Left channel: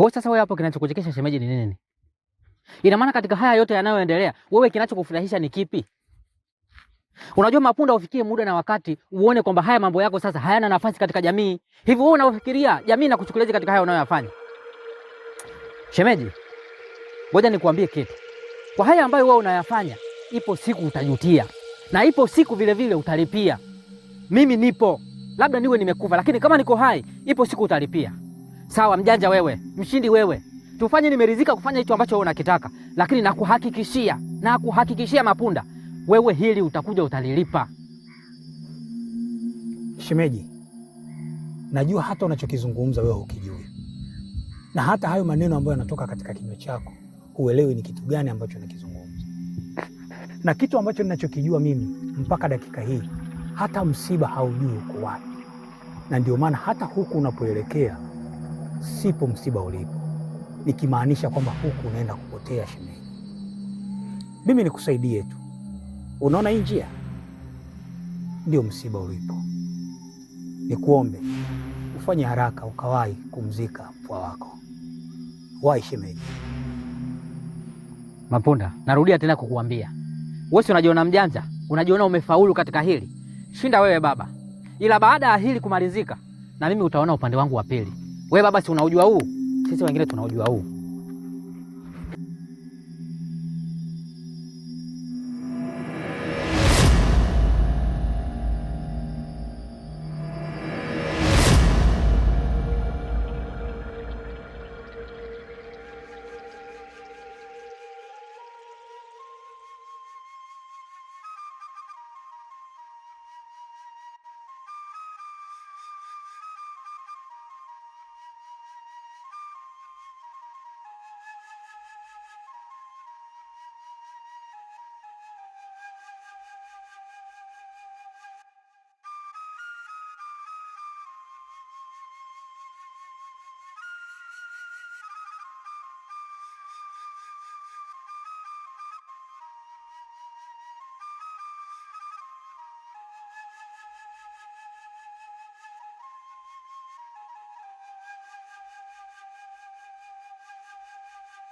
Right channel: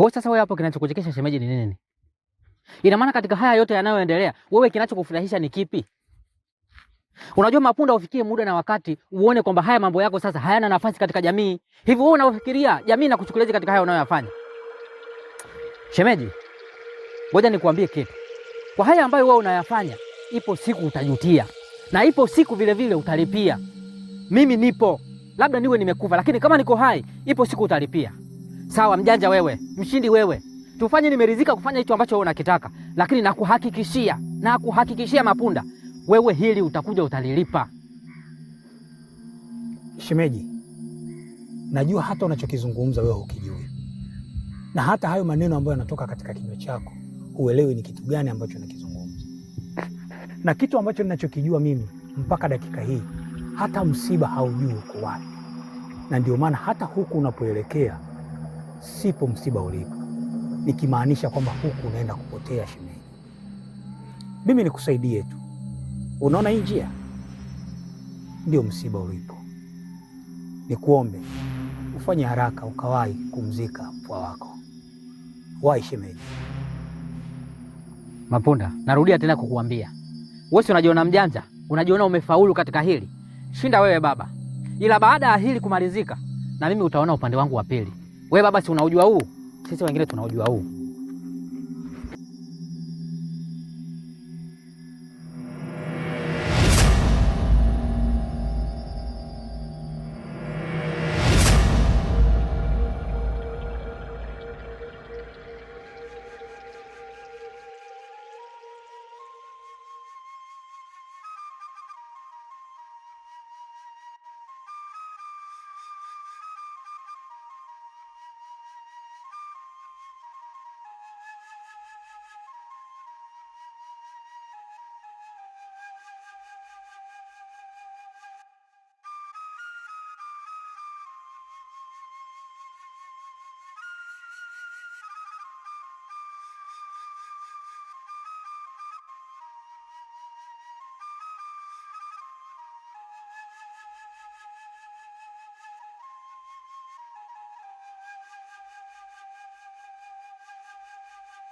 Kwa hiyo sasa wewe hapo kinachokuchekesha shemeji ni nini? Ina maana katika haya yote yanayoendelea, wewe kinachokufurahisha ni kipi? Unajua Mapunda, ufikie muda na wakati uone kwamba haya mambo yako sasa hayana nafasi katika jamii. Hivi wewe unafikiria jamii inakuchukuliaje katika haya unayoyafanya? Shemeji, ngoja nikuambie kitu. Kwa haya ambayo wewe unayafanya, ipo siku utajutia. Na ipo siku vile vile utalipia. Mimi nipo. Labda niwe nimekufa, lakini kama niko hai, ipo siku utalipia. Sawa mjanja wewe, mshindi wewe. Tufanye nimeridhika kufanya hicho ambacho wewe unakitaka, lakini nakuhakikishia Mapunda, wewe hili utakuja utalilipa. Shemeji, najua hata unachokizungumza wewe hukijui. Na hata hayo maneno ambayo yanatoka katika kinywa chako, huelewi ni kitu gani ambacho nakizungumza. Na kitu ambacho ninachokijua mimi mpaka dakika hii, hata msiba haujui uko wapi. Na ndio maana hata huku unapoelekea sipo msiba ulipo. Nikimaanisha kwamba huku unaenda kupotea shemeji. Mimi nikusaidie tu. Unaona hii njia? Ndio msiba ulipo. Nikuombe ufanye haraka ukawahi kumzika mpwa wako. Wahi shemeji. Mapunda, narudia tena kukuambia. Wewe si unajiona mjanja? Unajiona umefaulu katika hili? Shinda wewe baba. Ila baada ya hili kumalizika, na mimi utaona upande wangu wa pili. Wewe baba si unaujua huu? Sisi wengine tunaujua huu.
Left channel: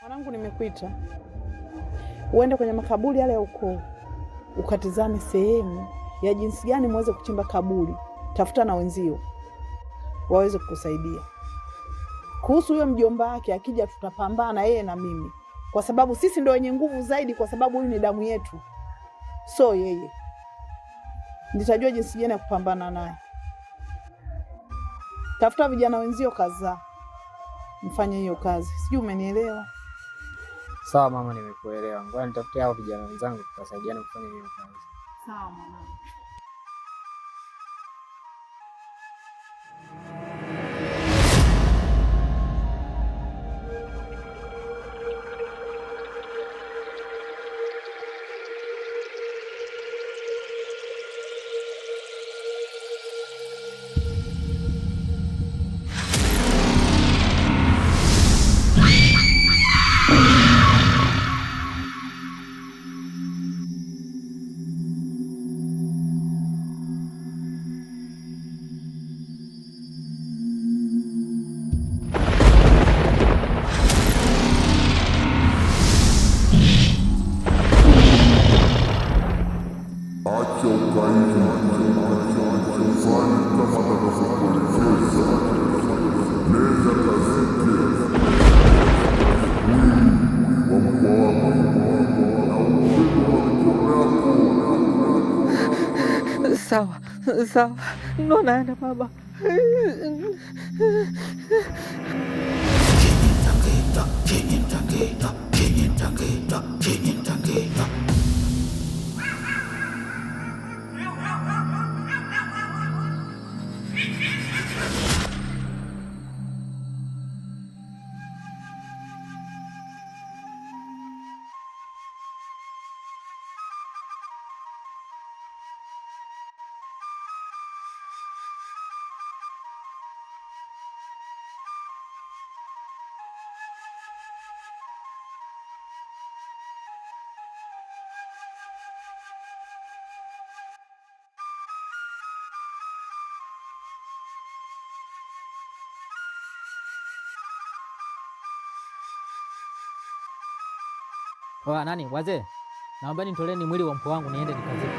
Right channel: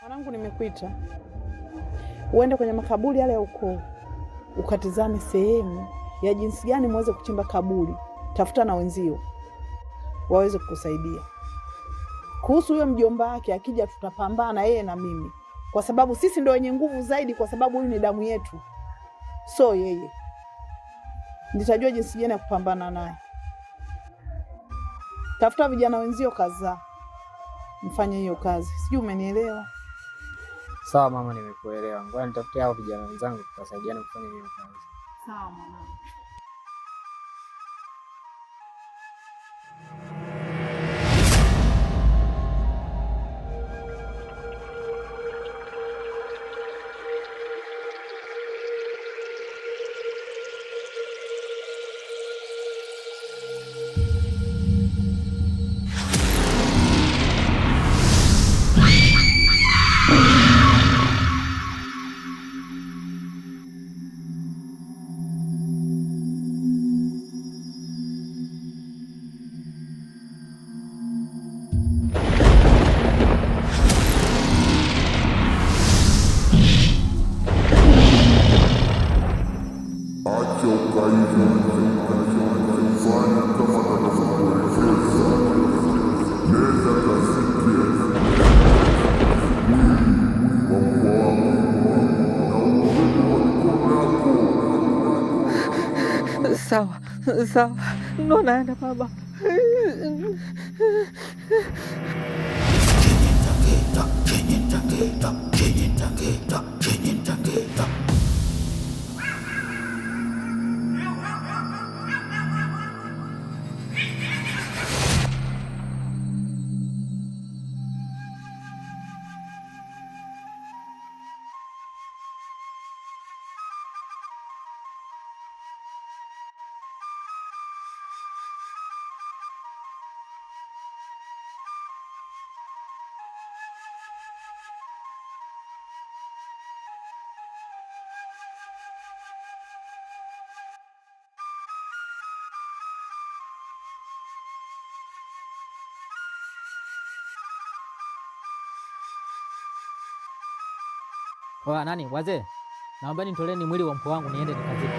Mwanangu, nimekuita uende kwenye makaburi yale ya ukoo, ukatizame sehemu ya jinsi gani muweze kuchimba kaburi. Tafuta na wenzio waweze kukusaidia. Kuhusu huyo mjomba wake, akija tutapambana yeye na mimi, kwa sababu sisi ndio wenye nguvu zaidi, kwa sababu huyu ni damu yetu, so yeye. Nitajua jinsi gani ya kupambana naye. Tafuta vijana wenzio kadhaa, mfanye hiyo kazi. Sijui umenielewa? Sawa mama, nimekuelewa. Ngoja nitafute hao vijana wenzangu tutasaidiana kufanya hiyo kazi. Sawa mama. Acha ukaidi, fanya kama atakavyokuelekeza. Nenda kazike mwili wa mpwa wako na ubebe kwa mikono yako. Sawa, sawa. Ndo naenda baba. Wa nani wazee, naomba nitoleeni mwili wa mkwe wangu niende nikazike.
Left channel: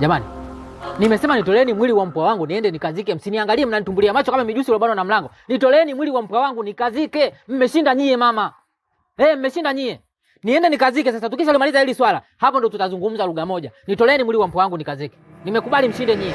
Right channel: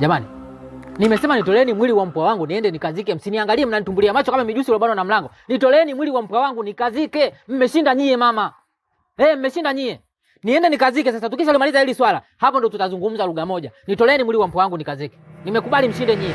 Jamani, nimesema nitoleeni mwili wa mpwa wangu niende nikazike. Msiniangalie mnanitumbulia macho kama mijusi iliyobana na mlango. Nitoleeni mwili wa mpwa wangu nikazike. Mmeshinda nyie mama. Mmeshinda nyie. Niende nikazike sasa. Tukishalimaliza hili swala, hapo ndo tutazungumza lugha moja. Nitoleeni mwili wa mpwa wangu nikazike. Nimekubali mshinde nyie.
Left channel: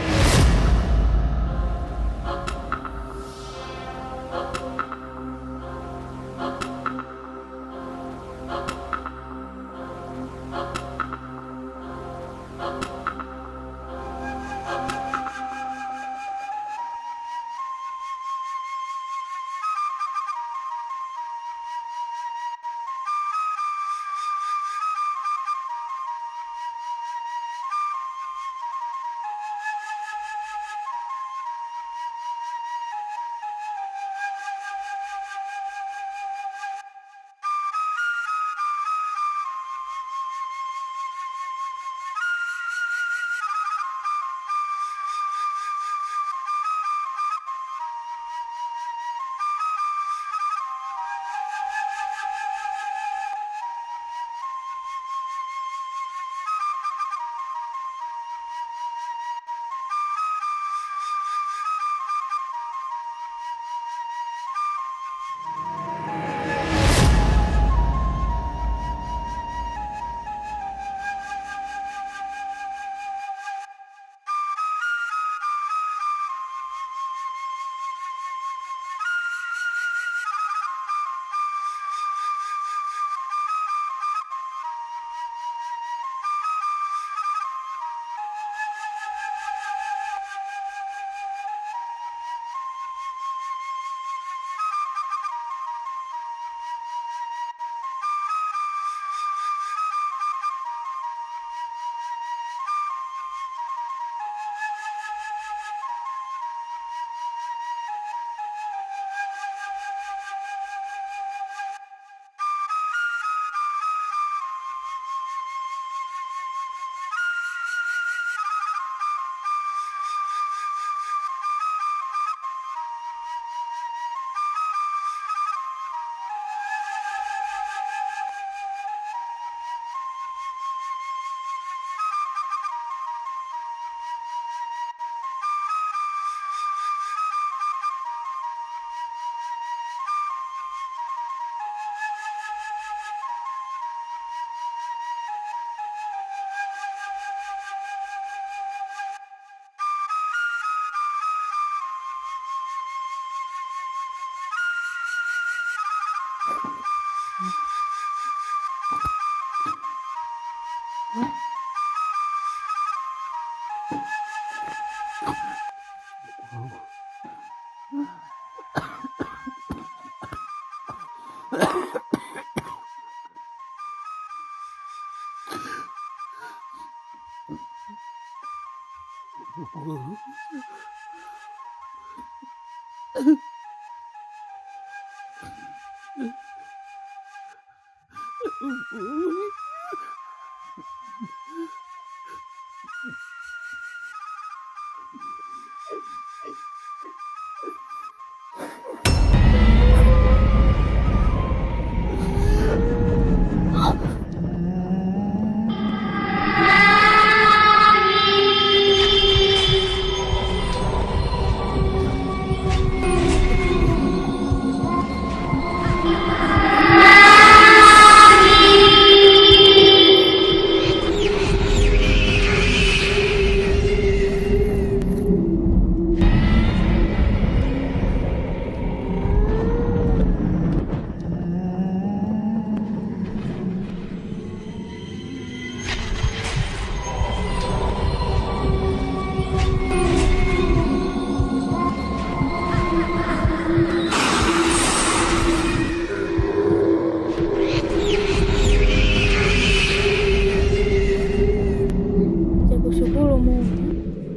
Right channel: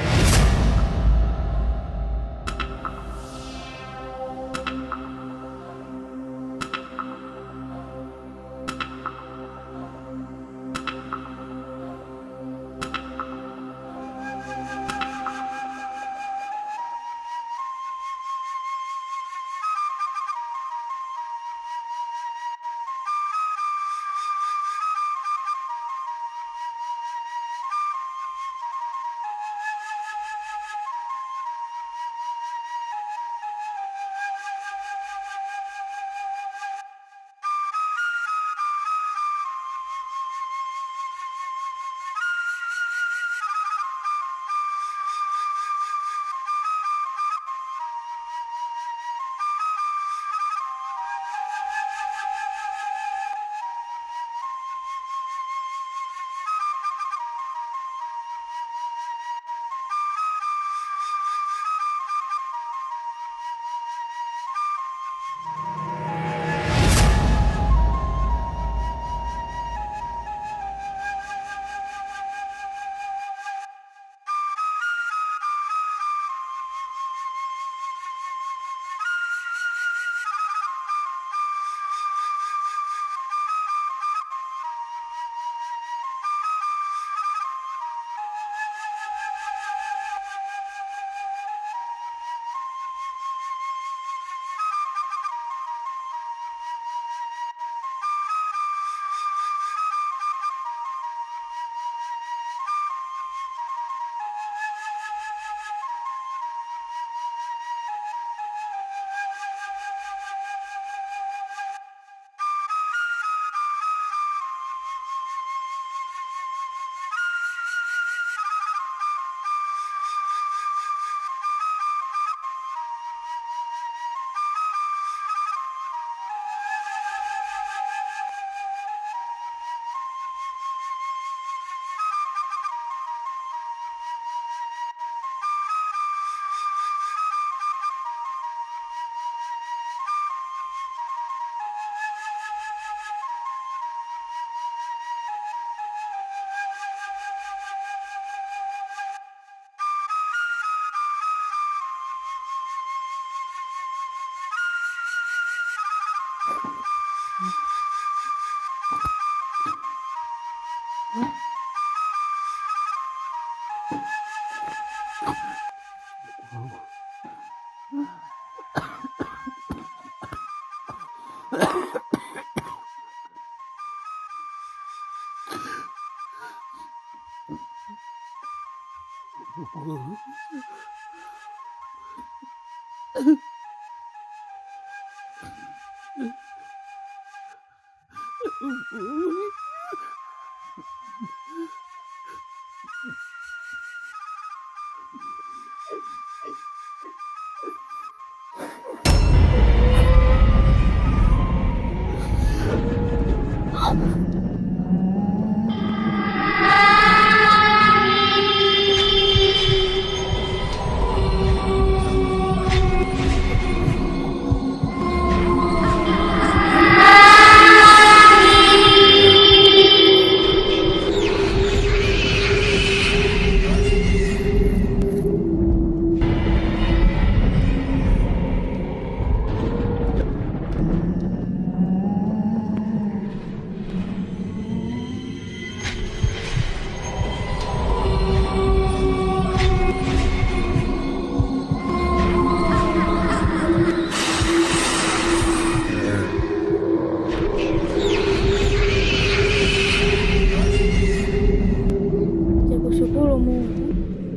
Mungu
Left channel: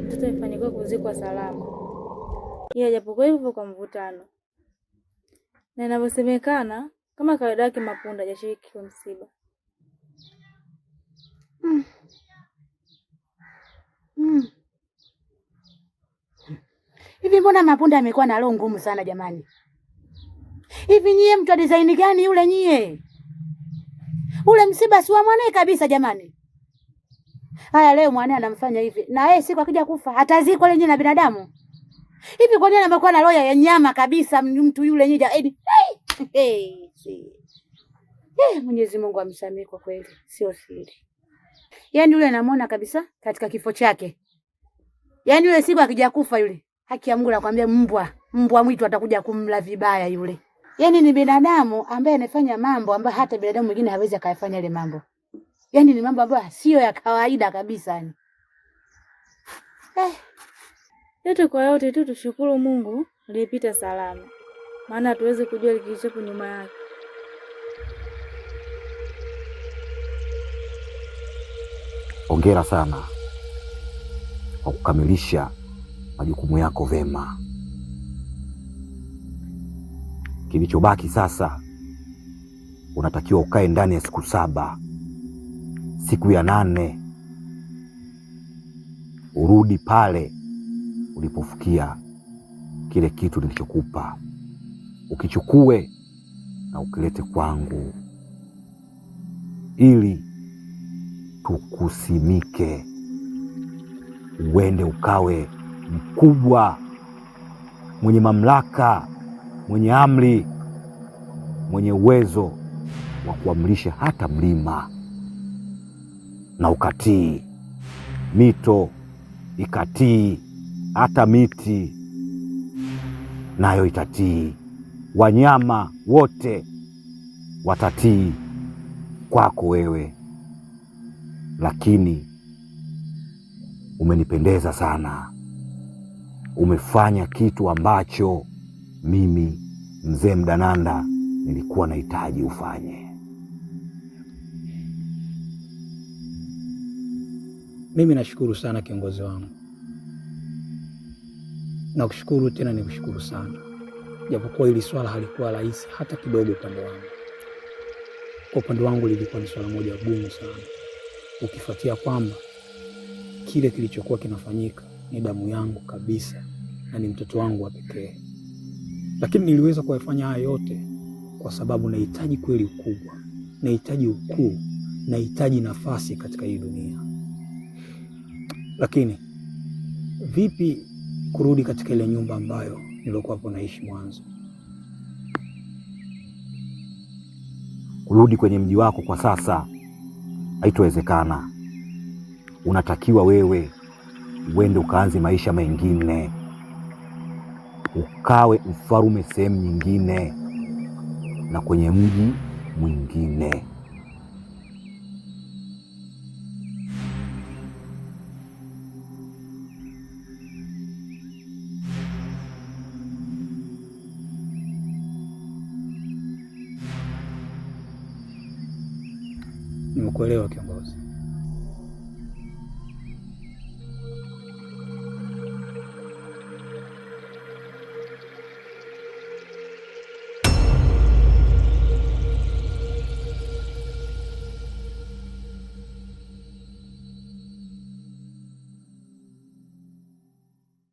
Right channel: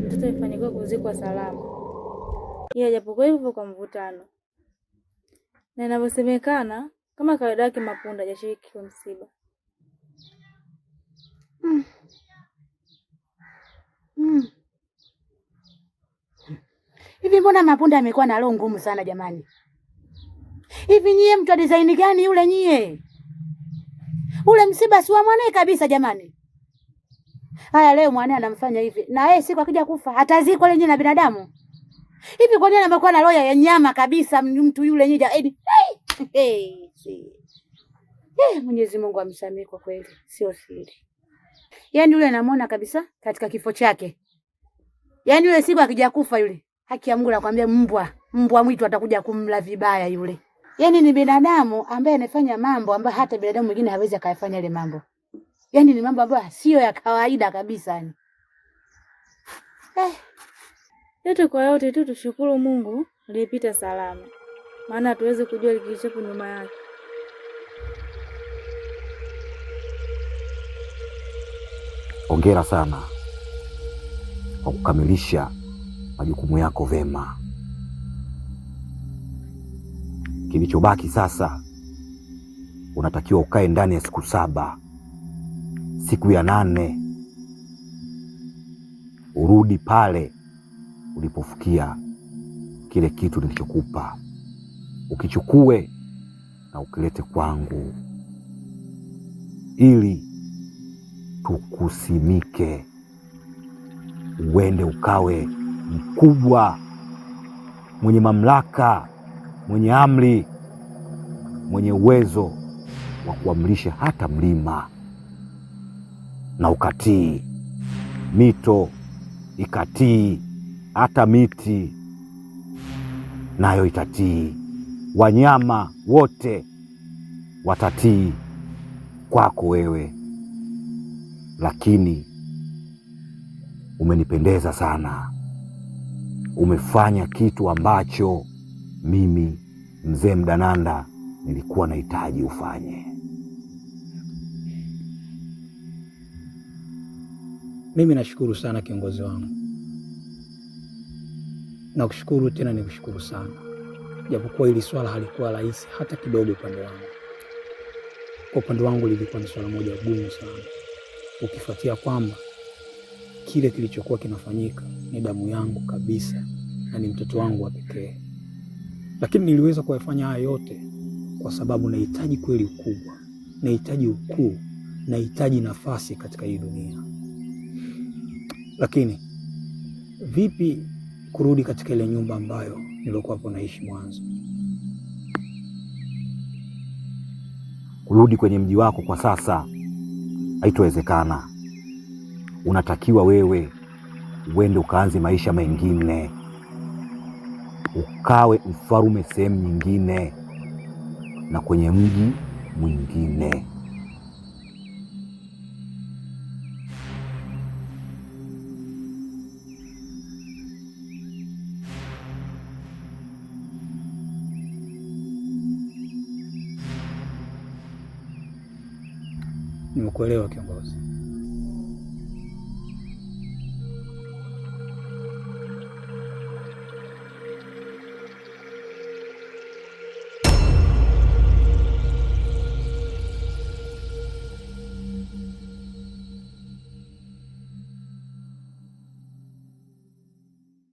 mtoto amefanikiwa kuzikwa salama, ila japokuwa hivyo kwa mvutano, na inavyosemekana kama kawaida yake Mapunda hajashiriki kwa msiba. Hivi mbona Mapunda amekuwa na roho ngumu sana jamani? Hivi nyie mtu wa design gani yule nyie? Ule msiba si wa mwanae kabisa jamani. Haya leo mwanae anamfanya hivi. Na yeye siku akija kufa atazikwa lenye na binadamu. Hivi kwa nini amekuwa na roho ya nyama kabisa mtu yule nyie? Mwenyezi Mungu amsamehe kwa kweli, sio siri. Yaani yule anamuona kabisa katika kifo chake. Yaani yule siku akija kufa yule, haki ya Mungu nakwambia mbwa mwitu atakuja kumla vibaya yule. Yaani ni binadamu ambaye anafanya mambo ambayo hata binadamu mwingine hawezi akayafanya ile mambo. Yaani ni mambo ambayo sio ya kawaida kabisa yani. Yote kwa yote tu tushukuru Mungu aliyepita salama. Maana hatuwezi kujua kilichopo nyuma yake. Hongera sana kwa kukamilisha majukumu yako vema. Kilichobaki sasa, unatakiwa ukae ndani ya siku 7. Siku ya 8 urudi pale ulipofikia kile kitu nilichokupa, ukichukue na ukilete kwangu ili tukusimike, uende ukawe mkubwa, mwenye mamlaka, mwenye amri, mwenye uwezo wa kuamrisha hata mlima, na ukatii, mito ikatii, hata miti nayo itatii, wanyama wote watatii kwako wewe. Lakini umenipendeza sana, umefanya kitu ambacho mimi mzee Mdananda nilikuwa nahitaji ufanye. Mimi nashukuru sana kiongozi wangu. Na kushukuru tena nikushukuru sana. Japokuwa hili swala halikuwa rahisi hata kidogo upande wangu. Kwa upande wangu lilikuwa ni swala moja gumu sana. Ukifuatia kwamba kile kilichokuwa kinafanyika ni damu yangu kabisa na ni mtoto wangu wa pekee. Lakini niliweza kuyafanya haya yote kwa sababu nahitaji kweli ukubwa, nahitaji ukuu, nahitaji nafasi katika hii dunia. Lakini vipi kurudi katika ile nyumba ambayo nilikuwa hapo naishi mwanzo? Kurudi kwenye mji wako kwa sasa haitowezekana. Unatakiwa wewe uende ukaanze maisha mengine, ukawe mfarume sehemu nyingine na kwenye mji mwingine. Nimekuelewa kiongozi.